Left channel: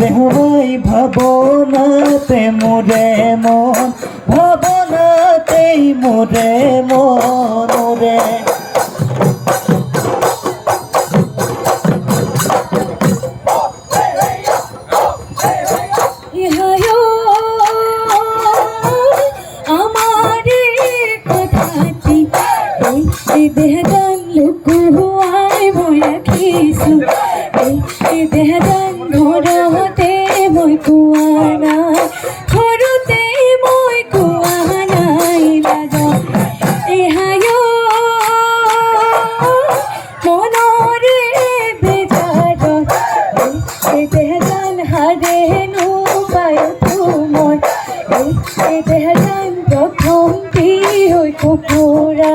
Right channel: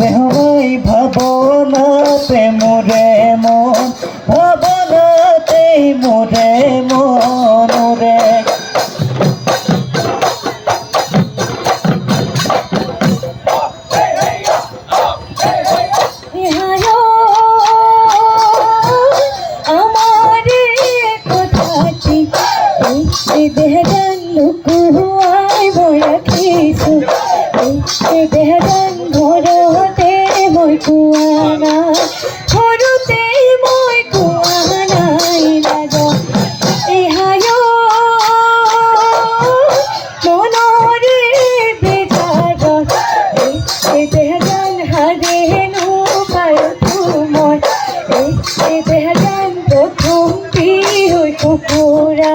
হই ভাবনাতে মোরে মন, ভাবনাতে মোরে মন রে। দেহদান লুকুয়াই বই রাখিছো দেহদান ঘৰতে মই কোৱা নাই ঘৰতে মই কোৱা নাই ৰাজা এহায় মনৰে বিজাৰত দেহদান হাৰেনো পায়তো মই দেহদান প্ৰথম হৈ কুকুৰা